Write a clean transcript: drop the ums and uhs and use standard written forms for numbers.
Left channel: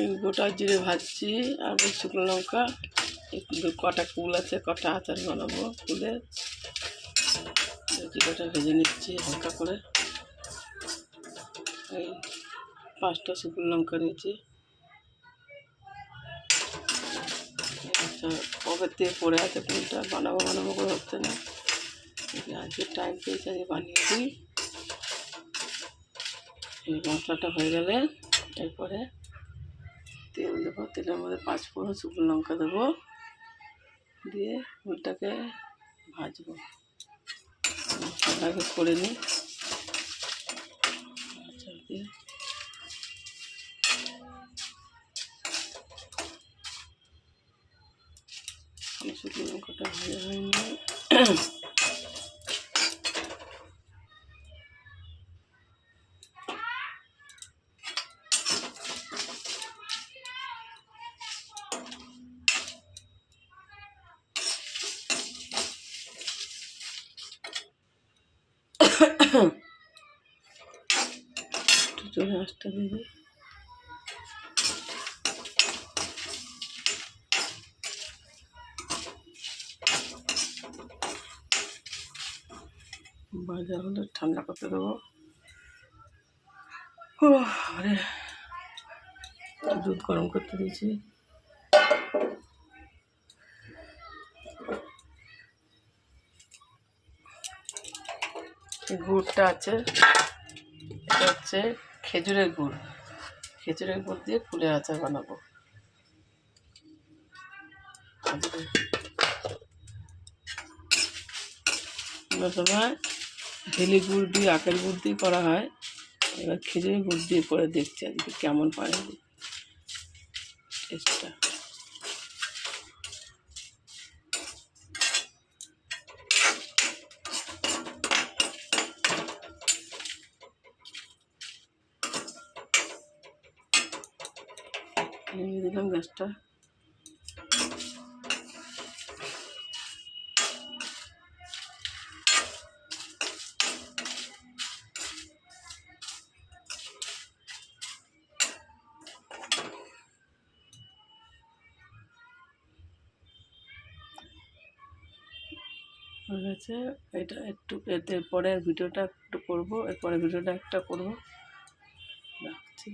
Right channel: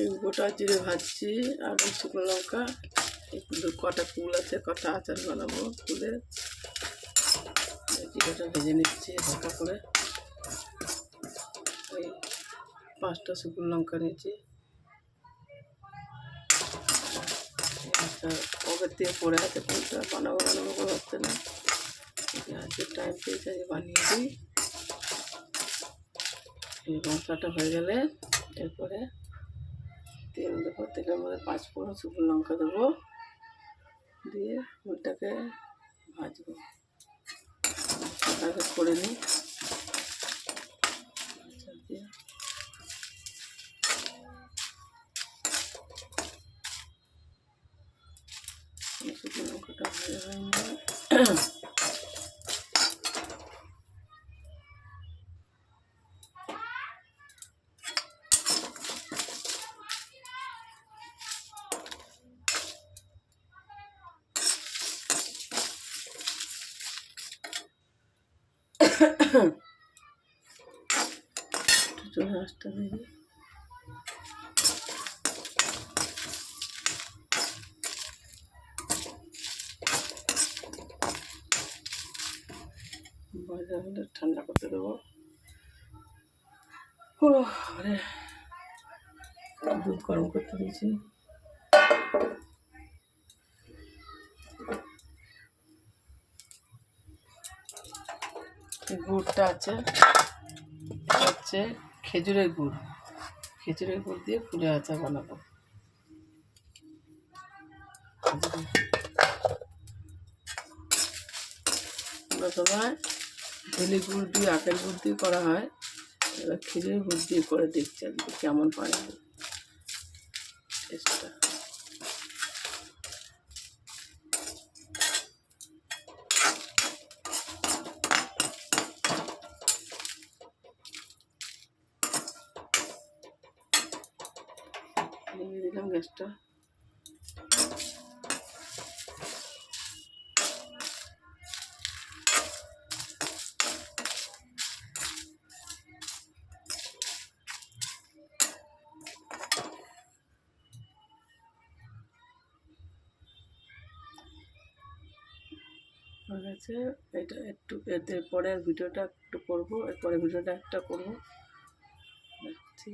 এই গোটা জিরে ভাজছি আর শুকনো লঙ্কা, একটু কটা কুল আছে, কটা আচার বানাবো কুলের। জিরেটা ভেজে নিচ্ছি হালকা করে। এই 5টা শুকনো লঙ্কা নিয়েছি। কবে থেকে পড়ে আছে কোনটা বানাবো করে হচ্ছে না, আজকে টাইম পেয়েছে আজকে বানিয়ে দিই। এই মশলাটা হয়ে গেলে এরপরে তেল দেবো, তেলের মধ্যে 5 ফোড়ন শুকনো লঙ্কা দেবো, দিয়ে ফুলটাকে ভাজবো। মশলাটাকে করে নিই আচার দিয়ে। শুকনো লঙ্কাটা ভাজা হয়নি। একটু জোরে আঁচটা দিবি। ভাজা হলে ঠান্ডা করতে দেবো। আরে দুধ গরম করতে দিয়েছি। গুড়টা আছে, এটা হচ্ছে খেজুরের গুড়। খেজুরের গুড় দিয়ে ফুলের আচার বানাবো। কোনো সময় ঢেলি গুড় দিয়ে, আখের গুড় দিয়ে করা হয়, এবার খেজুরের গুড় দিয়ে করে দেখছি আজকে কেমন পায় টেস্টটা। নিয়ে দিলাম গ্যাসটা। হয়ে গেছে। এটা একটু এরপরে ভিডিওটা একটু করবো, এরপরে ভিডিওটা একটা করবো। রাখছি।